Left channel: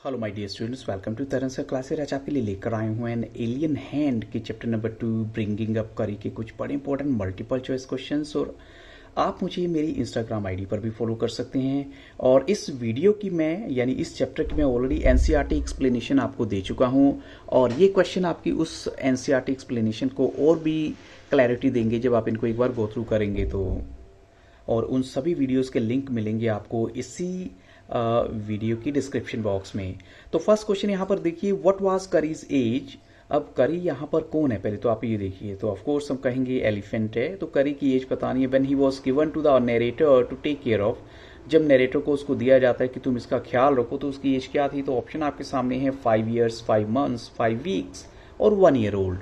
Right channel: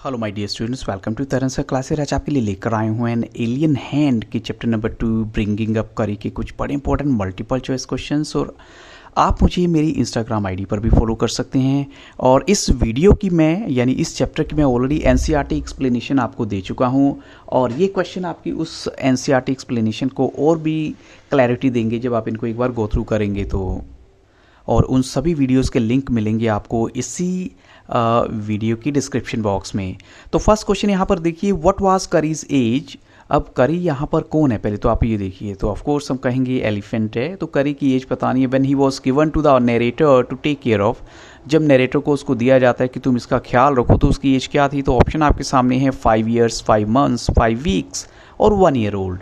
Hello my dear students, welcome to Taran sir classes. आज आपके लिए लेकर आए हुए हैं एलियन हैंड की chapter number 2 bringing up Kari के कुछ बड़े इंपॉर्टेंट मल्टीपल चॉइस क्वेश्चंस। और आप मुझे मेरी इंस्टाग्राम आईडी पर भी फॉलो कर सकते हैं। और इस वीडियो की मैं यानी इस चैप्टर की मैं ऑलरेडी एनसीईआरटी एक्सप्लेनेशन आपको दे चुका हूं, और ये क्वेश्चन आपकी उस एनसीईआरटी एक्सप्लेनेशन को और भी क्लैरिटी देंगे जब आप इनको एक बार गो थ्रू करेंगे तो। और उन सभी वीडियोस के लिंक मिलेंगे आपको इसी वीडियो की डिस्क्रिप्शन बॉक्स में। तो फर्स्ट क्वेश्चन यहाँ पर देखिए, व्हाट वाज करीज एज। अब करी यहाँ पर कौन है, पहले तो आप ये देखिए। तो ऑफ कोर्स हम कहेंगे एलिफेंट है, तो करी की एज बतानी है। When he was given to the narrator to take care of, जब नरेटर को उसको दिया जाता है कि तुम इसका ख्याल रखो, तो उसकी एज क्या थी। तो ऑप्शन आपके सामने है 5 ईयर्स, 5 मंथ्स, 5 वीक्स और 1 ईयर ओल्ड।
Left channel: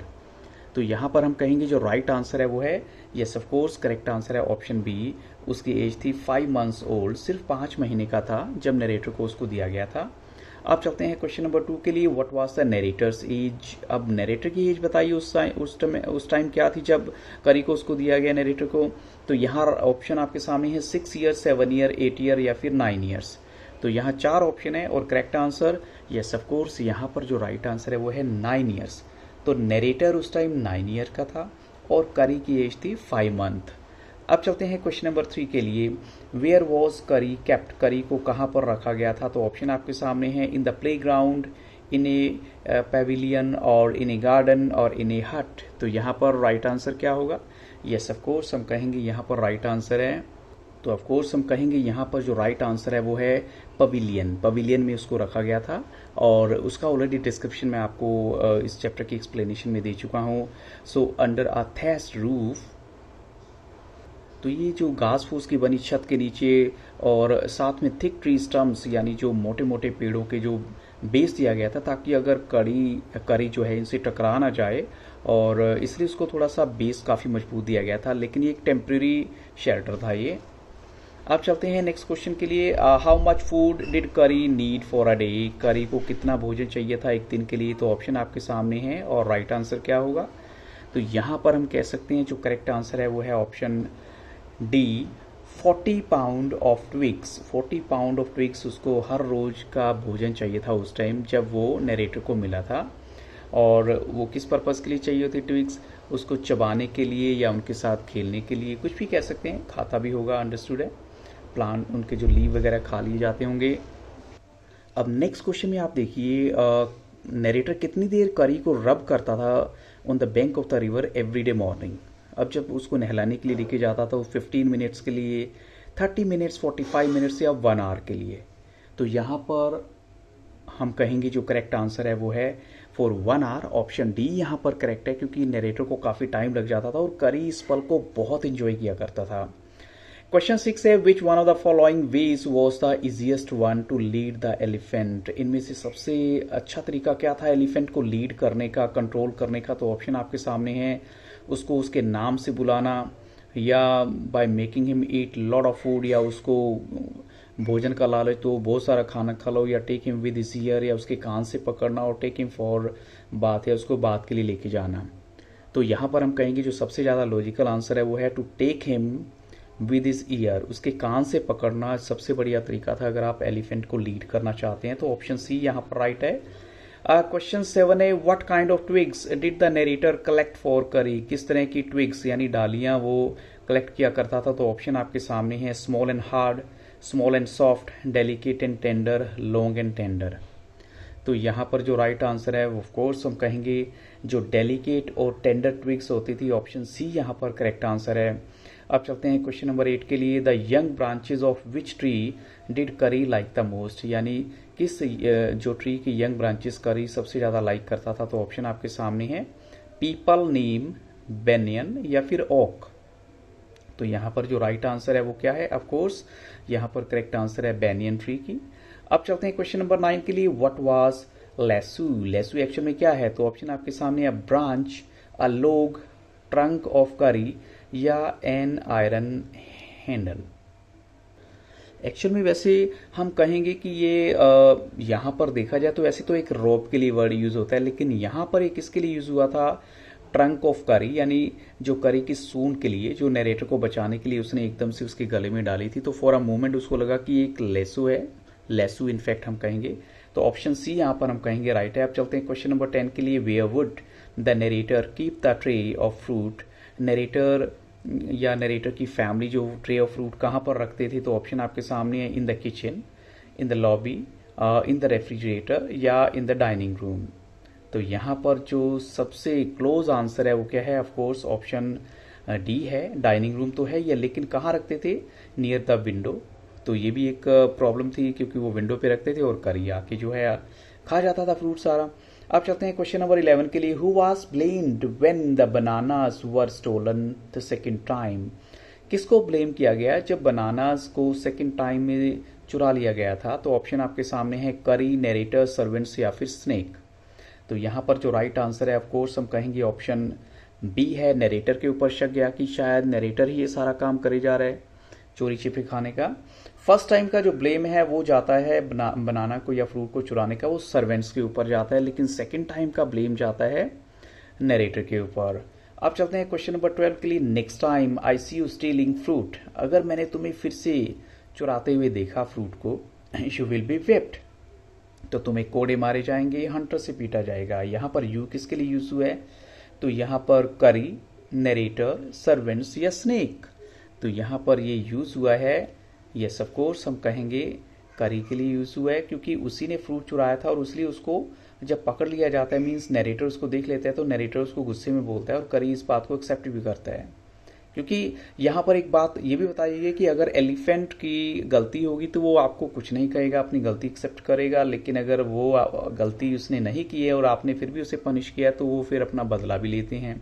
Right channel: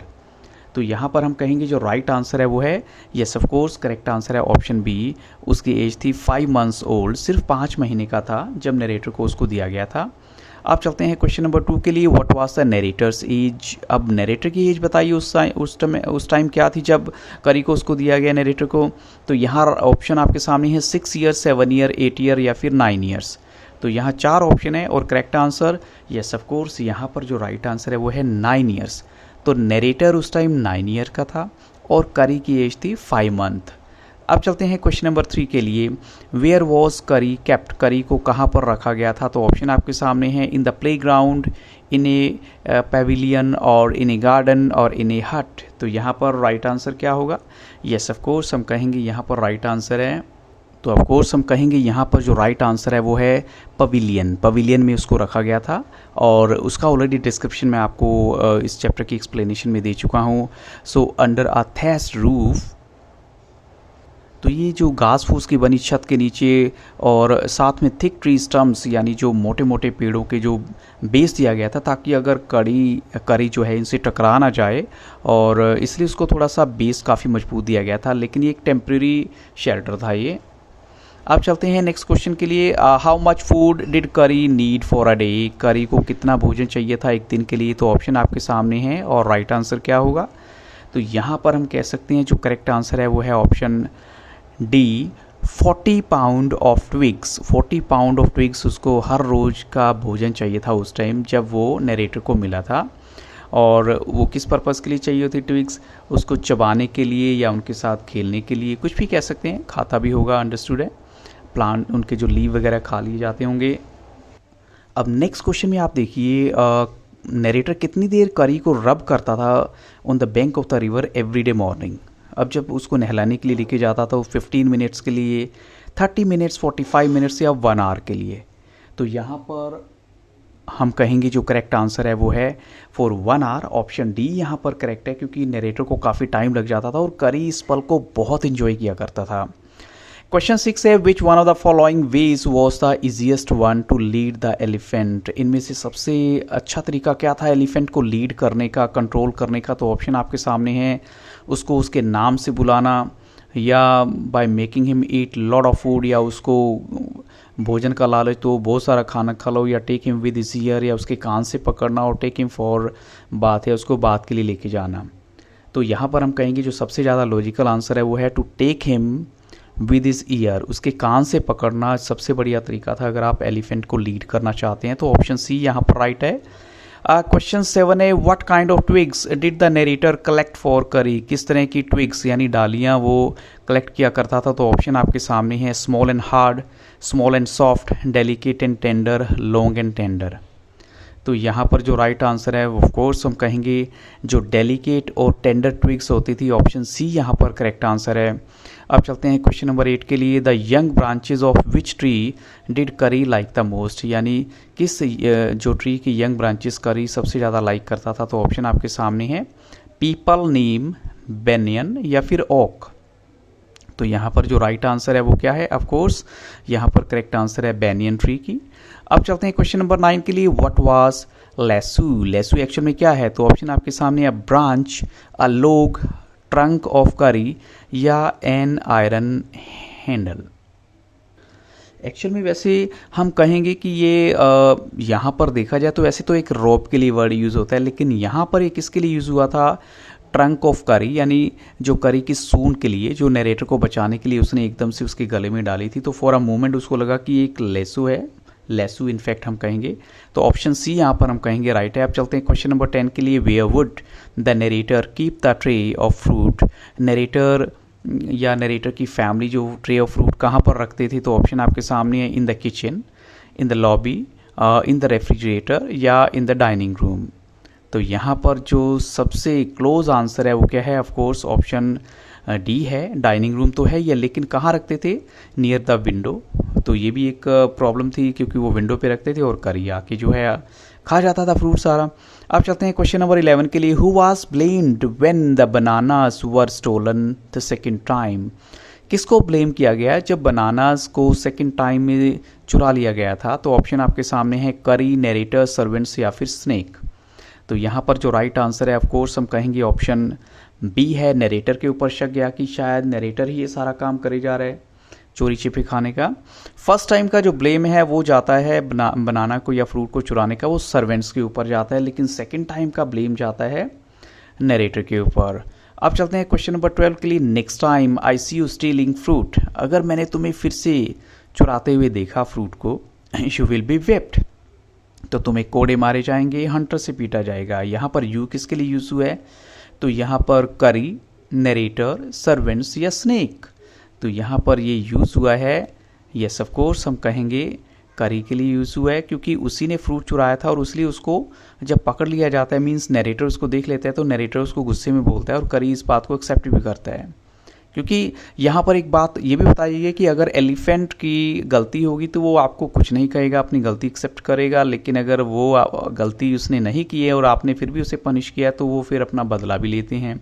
तो यहाँ पर हम कहेंगे जो राइट आंसर है वो है yes, of course correct answer है ऑप्शन बी। उसकी एज थी 5 मंथ्स ओल्ड, सिर्फ 5 महीने का था जब नरेटर को उसको दिया गया था। आप चलते हैं क्वेश्चन नंबर 2 के लिए, what was the narrator's age. अब नरेटर की एज बताइए उस टाइम क्या थी जब करी को उसको दिया गया नरेटर को। तो यहाँ ऑप्शन आपके सामने है 6 ईयर, 7 ईयर, 8 ईयर या फिर 9 ईयर्स। तो यहाँ 4 ऑप्शन है और correct answer yes, of course यहाँ पर जो राइट आंसर है वो है 9 ईयर्स। तो नरेटर उस टाइम 9 ईयर का था और करी की एज थी 5 मंथ। अब चलते हैं क्वेश्चन नंबर 3 के लिए, वेयर वॉज करी केप्ट। करी को कहाँ पर रखा गया था। तो ऑप्शन आपके सामने है in the play ground, in A Pavilion और इन ए गार्डन और इन ए हट। तो यहाँ पर राइट आंसर क्या होगा। यस, ऑफ कोर्स हम कहेंगे यहाँ पर राइट आंसर है। तो ऑफ कोर्स हम कहेंगे यहाँ पर जो राइट आंसर है वो है पवेलियन। पवेलियन में उसको रखा गया था और उसका ऑलरेडी डिस्क्रिप्शन मैं आपको इस चैप्टर की एक्सप्लेनेशन में दे चुका हूँ। So under a thatched roof, तो ये जो घास फूस की बनी छत के नीचे और साथ में थिक ट्री स्टम्प्स यानी जो मोटे मोटे पेड़ों के जो बेस दिया गया था, ताकि अगर करी जो है इनसे टकरा ना जाए, और इसलिए उसको थोड़ा सा बेस काफ़ी मजबूत दिया गया था। लेकिन ये एक टेम्प्रेरी शेल्टर था ये। अब चलते हैं नेक्स्ट क्वेश्चन के लिए, हाउ मच फूड डिड करी नीड फॉर अ डे। करी को कितना भोजन चाहिए था एक दिन के लिए। तो ऑप्शन आपके सामने है और राइट आंसर क्या होगा। तो यहाँ पर हम कह सकते हैं जो करेक्ट आंसर है वो है option D, 40 pound of twigs. 40 pound of twigs उसको हर रोज़ का भोजन चाहिए था उस टाइम जब वो नरेटर को मिला था। और वो किस पर्पज़ के लिए चाहिए होती ट्विग्स, उसको चबाने के लिए या उनके साथ खेलने के लिए, कुछ भी कह सकते हैं, खाता भी होगा, अंडरस्टूड है। प्लांट उनके जो लीव वगैरह खा लिए जाते होंगे। अब नेक्स्ट क्वेश्चन में आप देखिए, नरेटर कितनी देर करी को रब करता था on the bank of the river every day morning. अब जब उसको नहलाने के लिए लेके जाता था वो 15 मिनट्स के लिए, 30 मिनट्स, 45 मिनट्स या 1 आवर के लिए। तो यहाँ पर हम कहेंगे जो करेक्ट आंसर है वो है फॉर 1 आवर। ऑप्शन डी यहाँ पर करेक्ट है, क्योंकि नरेटर को काफ़ी टाइम लग जाता था और करी इस पल को बहुत इन्जॉय किया करता था। क्वेश्चन 6 है, which one of the following veg was the easiest one two lead the elephant. इनमें से सबसे अच्छा तरीका क्या था एलिफेंट को लीड करने का, कंट्रोल करने का। तो ऑप्शन आपके सामने है, उसको उसके नाम से बुलाना, या by making him eat lot of food, या उसको भोजन का लालच तो बहुत सारा खाना खा लो, या take him with his ear, या उसके कान से पकड़ना, और टेक हिम फॉर बात, या उसको बात के लिए लेके जाना। तो यहाँ पर हम कहेंगे जो सबसे ज़्यादा लॉजिकल आंसर है वो है to take him with his ear. उसके कान से पकड़ना सबसे बढ़िया तरीका था अगर आप एलिफेंट को लीड करना चाहते हैं। तो ऑप्शन सी यहाँ पर राइट है। क्वेश्चन 7 है, what kind of twigs did the narrator collect for करी। किस तरह की ट्विग्स यानी डालियाँ वो कलेक्ट किया करता था। तो ऑप्शन आपके सामने है, small and hard, small and soft, delicate and tender, long and tender. तो यहाँ पर जो राइट आंसर है ऑफ कोर्स हम कहेंगे जो डेलिकेट और टेंडर ट्विग्स होती थी, ऑप्शन सी यहाँ पर करेक्ट आंसर है। अब चलते हैं क्वेश्चन नंबर 8 के लिए, the young branches of which tree did करी लाइक द मोस्ट। यानी किस जो ट्री की यंग ब्रांचेस करी सबसे ज़्यादा लाइक करता था। तो ऑप्शन आपके सामने है, पीपल, नीम, बेनियन या फिर ओक। तो यहाँ पर जो राइट आंसर है वो क्या है, ऑफ कोर्स यहाँ पर करेक्ट आंसर है बेनियन ट्री की। अब चलते हैं क्वेश्चन नंबर 9 के लिए, व्हाट वाज लेसू। लेसू एक्चुअल में क्या है। तो ऑप्शन आपके सामने है, ब्रांच, अ लोग, ट्रंक ऑफ करी या एन आयरन हैंडल। एक्चुअल में वैसे हम कहेंगे कि ये यहाँ पर देखा जाए तो वैसे तो एक रोप के लिए वर्ड यूज़ होता है, लेकिन यहाँ पर एक किसके लिए यूज़ हुआ था, ट्रंक ऑफ करी, यानी जो करी की सूंड के लिए, जो नरेटर को बचाने के लिए उसने एकदम से उसके गले में डाली थी। तो फॉर अ मोमेंट उसको लगा कि एक लेसू है लेसू इनफैक्ट हम कहेंगे। तो ऑप्शन सी यहाँ पर हम कहेंगे राइट है। अब चलते हैं क्वेश्चन नंबर 10 के लिए। Where would the narrator keep the tray of fruit. Narrator या नरेटर की फैमिली जो ट्रे ऑफ फ्रूट कहाँ पर रखते थे, तो ऑप्शन आपके सामने है in the kitchen, in the lobby, in the refrigerator या इन द डाइनिंग रूम। तो यहाँ पर जो सबसे क्लोज आंसर है वो क्या है, ऑफ कोर्स ऑप्शन डी है। डाइनिंग रूम तो है ये, लेकिन कहाँ रखते थे, नियर द विंडो। तो ये भी एक प्रॉब्लम थी क्योंकि वो विंडो पे रखते थे और करी आके जो है खा जाता था फ्रूट सारा। अब चलते हैं क्वेश्चन नंबर 11 के लिए। Who was blamed when the bananas were stolen the second time. किसको ब्लेम किया गया जब बनानास को सेकंड टाइम में चुरा लिया गया था, तो ऑप्शन आपके सामने है करी, नरेटर, सर्वेंट्स या फिर स्नेक। तो यहाँ पर जो राइट आंसर है ऑफ कोर्स हम कहेंगे ऑप्शन बी है। नरेटर के ऊपर शक गया कि शायद नरेटर ही ये सारा काम करे जा रहा है चोरी छिपे खाने का। फर्स्ट टाइम का जो ब्लेम है वो जाता है बनाना को या फ्रूट को चुराने का, वो सर्वेंट्स के ऊपर जाता है, लेकिन सेकंड टाइम का ब्लेम जाता है नरेटर के ऊपर। अब चलते हैं क्वेश्चन नंबर 12 के लिए। Next time I see you stealing fruit. अगर मैंने तुम्हें फिर से चुराते हुए देखा फ्रूट को, यू विल बी व्हिप्ड, तो तुम्हें कोड़े मारे जाएंगे, हंटर से पीटा जाएगा। यहाँ पर यू किसके लिए यूज हुआ है, तो यहाँ पर करी, नरेटर, सर्वेंट्स या स्नेक। तो यहाँ पर ये यूज़ हुआ है, यस ऑफ कोर्स हम कहेंगे करी के लिए यूज़ हुआ है, क्योंकि उसी ने फ्रूट चुराया था और इसलिए उसको जब पकड़ लिया जाता है, मीन्स नरेटर उसको देख लेता है तो नरेटर उसको गुस्से में बोलता है और करी इस बात को एक्सेप्ट भी करता है। क्योंकि यहाँ पर एक बात ये भी बताइए कि अगर एलिफेंट की गलती होगी तो वो आपको कुछ नहीं कहेगा, अपनी गलती एक्सेप्ट करेगा, लेकिन अगर वो गलती उसने नहीं की है और आपने फिर भी उसे पनिश किया तो वो फिर अपना बदला भी लेते हैं।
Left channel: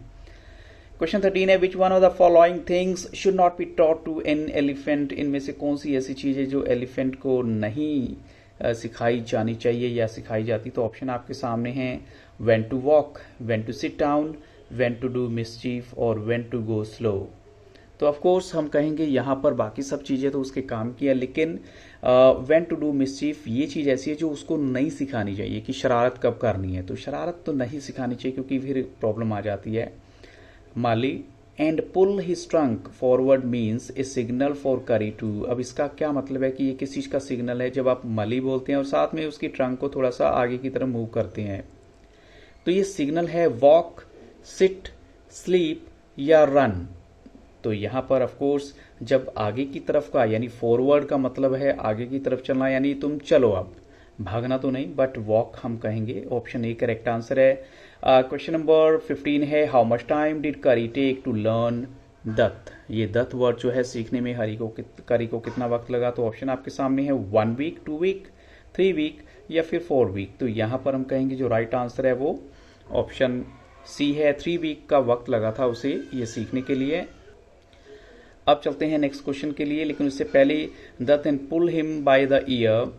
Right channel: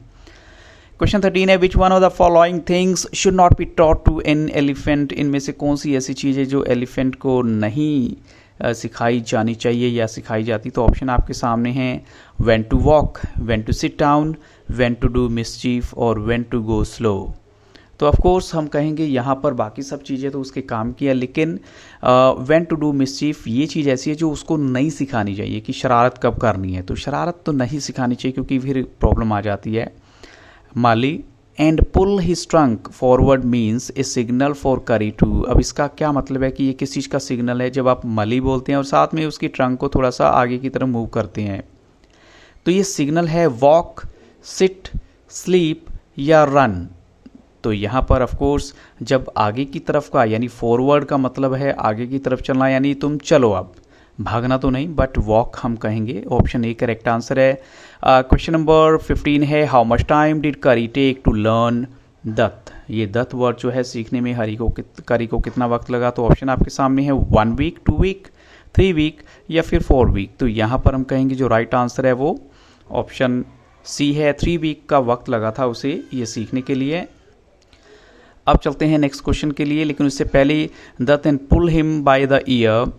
क्वेश्चन 13 है। Which one of the following things should not be taught to an elephant. इनमें से कौन सी ऐसी चीज़ है जो एलिफेंट को नहीं सिखाई जानी चाहिए या सिखाई जाती, तो ऑप्शन आपके सामने हैं when to walk, when to sit down, when to do mischief और व्हेन टू गो स्लो। तो ऑफ कोर्स हम कहेंगे यहाँ पर बाकी सब चीज़ें तो उसके काम की है, लेकिन व्हेन टू डू मिसचीफ ये चीज़ ऐसी है जो उसको नहीं सिखानी चाहिए कि शरारत कब करनी है। तो शरारत तो नहीं सिखानी चाहिए क्योंकि फिर प्रॉब्लम आ जाती है। माली and pull his trunk forward means a signal for carry to. अब इसका क्या मतलब है कि ये किस चीज़ का सिग्नल है, जब आप मली बोलते हैं और साथ में उसकी ट्रंक को थोड़ा सा आगे की तरफ मूव करते हैं, तो ये सिग्नल है वॉक, सिट, स्लीप या रन। तो यहाँ पर ऑफ कोर्स जब आगे की तरफ का यानी फॉरवर्ड का मतलब है आगे की तरफ चलना, यानी तुम चलो, अब भागना तो नहीं, बट वॉक हम कहेंगे। ऑप्शन ए करेक्ट आंसर है। क्वेश्चन नंबर 15 है। हाउ मच टाइम डिड करी टेक टू लर्न दत्त। ये दत्त वर्ड जो है सीखने में करी को कितना वक्त लगा, तो ऑप्शन आपके सामने है 1 वीक, 2 वीक, 3 वीक या फिर 4 वीक। तो यहाँ पर हम कहेंगे जो राइट आंसर है वो ऑप्शन सी है। 3 वीक का वक्त लगा था उसे ये सीखने के लिए। अब चलते हैं नेक्स्ट क्वेश्चन के लिए, लेकिन उससे पहले दत्त and pull him by the ear.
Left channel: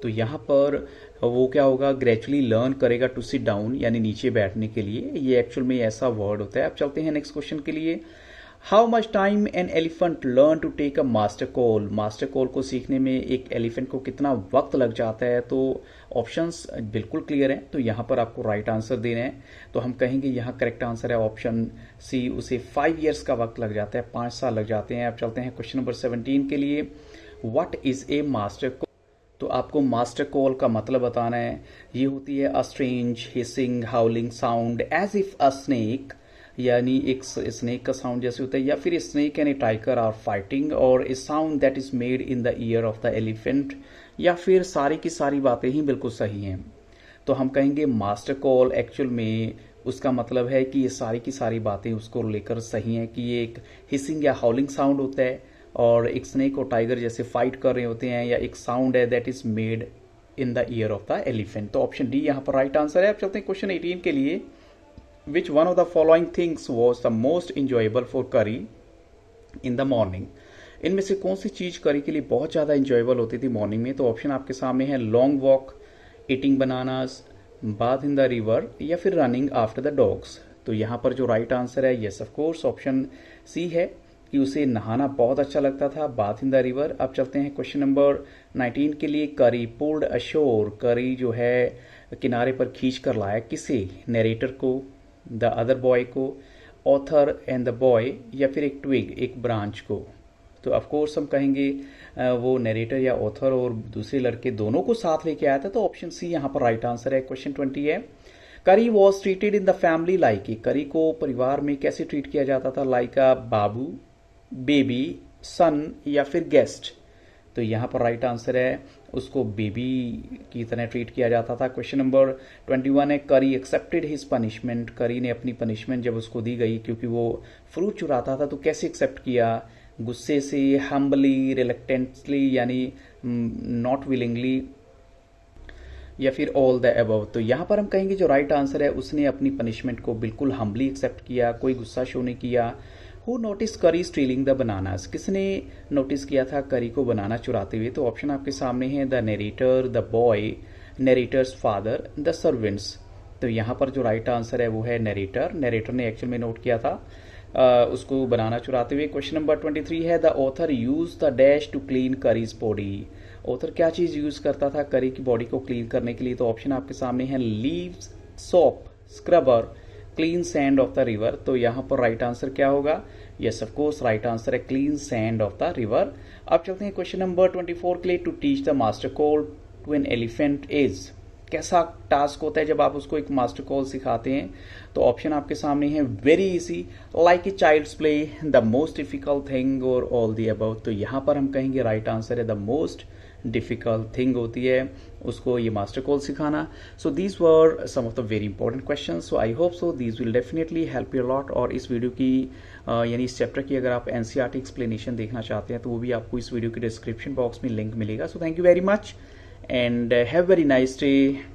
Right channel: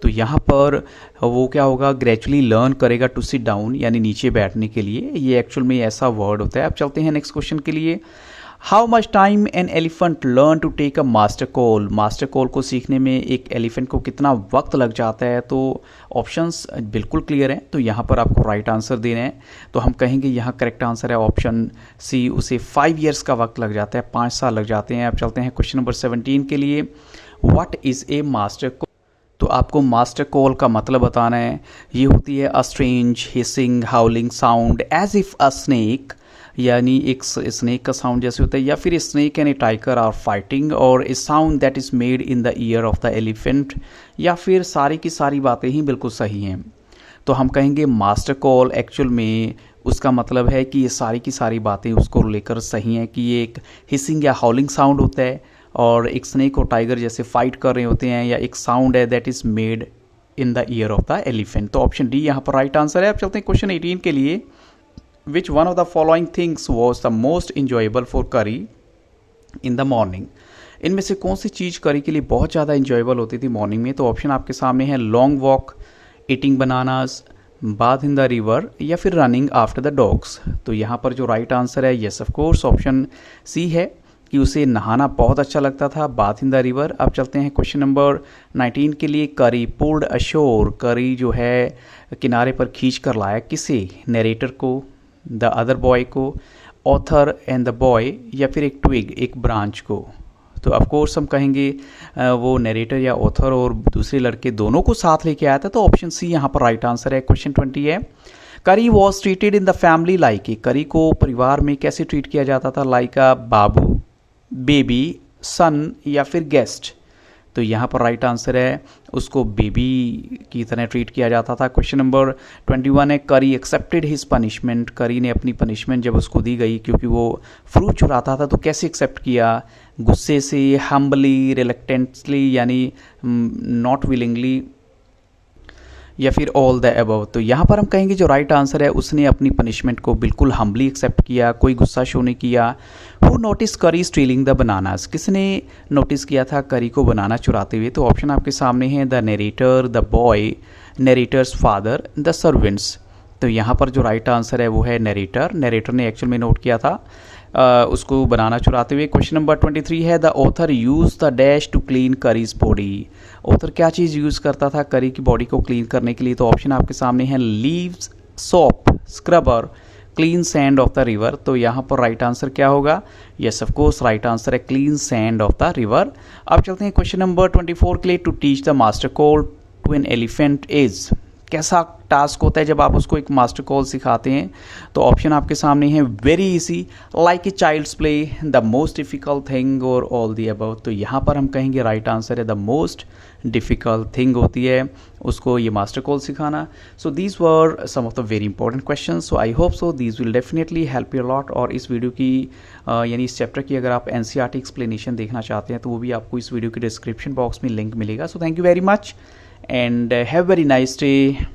तो यहाँ पर वो क्या होगा, ग्रेजुअली लर्न करेगा टू सिट डाउन, यानी नीचे बैठने के लिए। ये एक्चुअल में ऐसा वर्ड होता है। अब चलते हैं नेक्स्ट क्वेश्चन के लिए। How much time an elephant learn to take a master call. मास्टर कॉल को सीखने में एक एलिफेंट को कितना वक्त लग जाता है, तो ऑप्शंस बिल्कुल क्लियर हैं, तो यहाँ पर आपको राइट आंसर देना है। तो हम कहेंगे यहाँ करेक्ट आंसर है ऑप्शन सी, उसे 5 ईयर्स का वक्त लग जाता है, 5 साल लग जाते हैं। अब चलते हैं क्वेश्चन नंबर 17 के लिए। What is a master call. तो आपको मास्टर कॉल का मतलब बताना है। ये होती है a strange hissing howling sound as if a snake, यानी एक स्नेक का साउंड जैसे होता है, या फिर snake and a tiger are fighting, और a sound that is made in the ear of the elephant, या फिर सारी की सारी बातें ही बिल्कुल सही हैं। तो हम कहेंगे मास्टर कॉल एक्चुअल में उसका मतलब है कि ये सारी की सारी बातें उसको लेकर सही हैं, कि ये एक हिसिंग या हाउलिंग साउंड होता है और एक स्नेक और टाइगर जैसे फाइट कर रहे होते हैं, या एक साउंड है that is made in the ear of the elephant. तो ऑप्शन डी यहाँ पर राइट आंसर है। अब चलते हैं क्वेश्चन 18 के लिए। विच one of the following things was the most enjoyable for करी इन द मॉर्निंग। इनमें से कौन सी चीज़ करी के लिए बहुत ज़्यादा इंजॉयबल होती थी मॉर्निंग में, तो ऑप्शन आपके सामने है long walk, eating bananas, bath in the river या फिर रनिंग आफ्टर द डॉग्स। तो यहाँ पर जो राइट आंसर है yes of course option C है कि उसे नहाना बहुत अच्छा लगता था, बाथ इन द रिवर। अब चलते हैं क्वेश्चन नंबर 19 के लिए। करी पुल्ड अशोर। करी जो है किनारे पर खींच कर लाया किसे, नरेटर को, द अदर बॉय को, ऑथर एंड द बॉय या फिर एक ट्विग एक ब्रांच को। तो ऑफ कोर्स हम कहेंगे वो नरेटर या ऑथर और दूसरे लड़के दोनों को साथ लेके आया था, तो ऑप्शन सी यहाँ पर राइट आंसर है। क्वेश्चन 20 है, करी was treated in the family like a, करी को परिवार में कैसे ट्रीट किया जाता था, लाइक अ बाबू, बेबी, सन या फिर गेस्ट। तो यहाँ पर राइट आंसर है उसको बेबी की तरह ट्रीट किया जाता था। क्वेश्चन नंबर 21 है, करी एक्सेप्टेड हिज पनिशमेंट, करी ने अपनी पनिशमेंट जब उसको दी गई क्योंकि वो फ्रूट चुराता था तो कैसे एक्सेप्ट किया, गुस्से से, हम्बली, रिलेक्टेंटली यानी नॉट विलिंगली या फिर ऑल द अबव। तो यहाँ पर हम कहेंगे जो राइट आंसर है उसने अपनी पनिशमेंट को बिल्कुल हम्बली एक्सेप्ट किया, कोई गुस्सा शो नहीं किया। हु नोटिस करी स्टीलिंग द बनानास, किसने नोटिस किया था करी को बनाना चुराते हुए, तो ऑप्शन आपके सामने हैं, the narrator, the boy, narrator's father, the servants. तो यहाँ पर जो राइट आंसर है वो है नरेटर, नरेटर ने एक्चुअल में नोट किया था उसको बनाना चुराते हुए। क्वेश्चन नंबर 23 है, the author use the dash to clean carries body, author क्या चीज़ यूज़ करता था करी की बॉडी को क्लीन करने के लिए, तो ऑप्शन आपके सामने है, leaves, soap, scrubber, clean sand of the river. तो यहाँ पर राइट आंसर क्या होगा, yes of course right answer है clean sand of the river. अब चलते हैं क्वेश्चन नंबर 24 के लिए, to teach the master call to an elephant is, कैसा टास्क होता है जब आप उसको एक मास्टर कॉल सिखाते हैं, तो ऑप्शन आपके सामने है, very easy, like a child's play, the most difficult thing और ऑल दी अबव। तो यहाँ पर हम कहेंगे राइट आंसर है द मोस्ट डिफ़िकल्ट थिंग होती है उसको ये मास्टर कॉल सिखाना। So these were some of the very important question, so I hope so these will definitely help you lot. और इस वीडियो की यानी इस चैप्टर की अगर आप एनसीईआरटी एक्सप्लेनेशन देखना चाहते हैं तो वो भी आपको इस वीडियो के डिस्क्रिप्शन बॉक्स में लिंक मिलेगा। So thank you very much and have very nice day.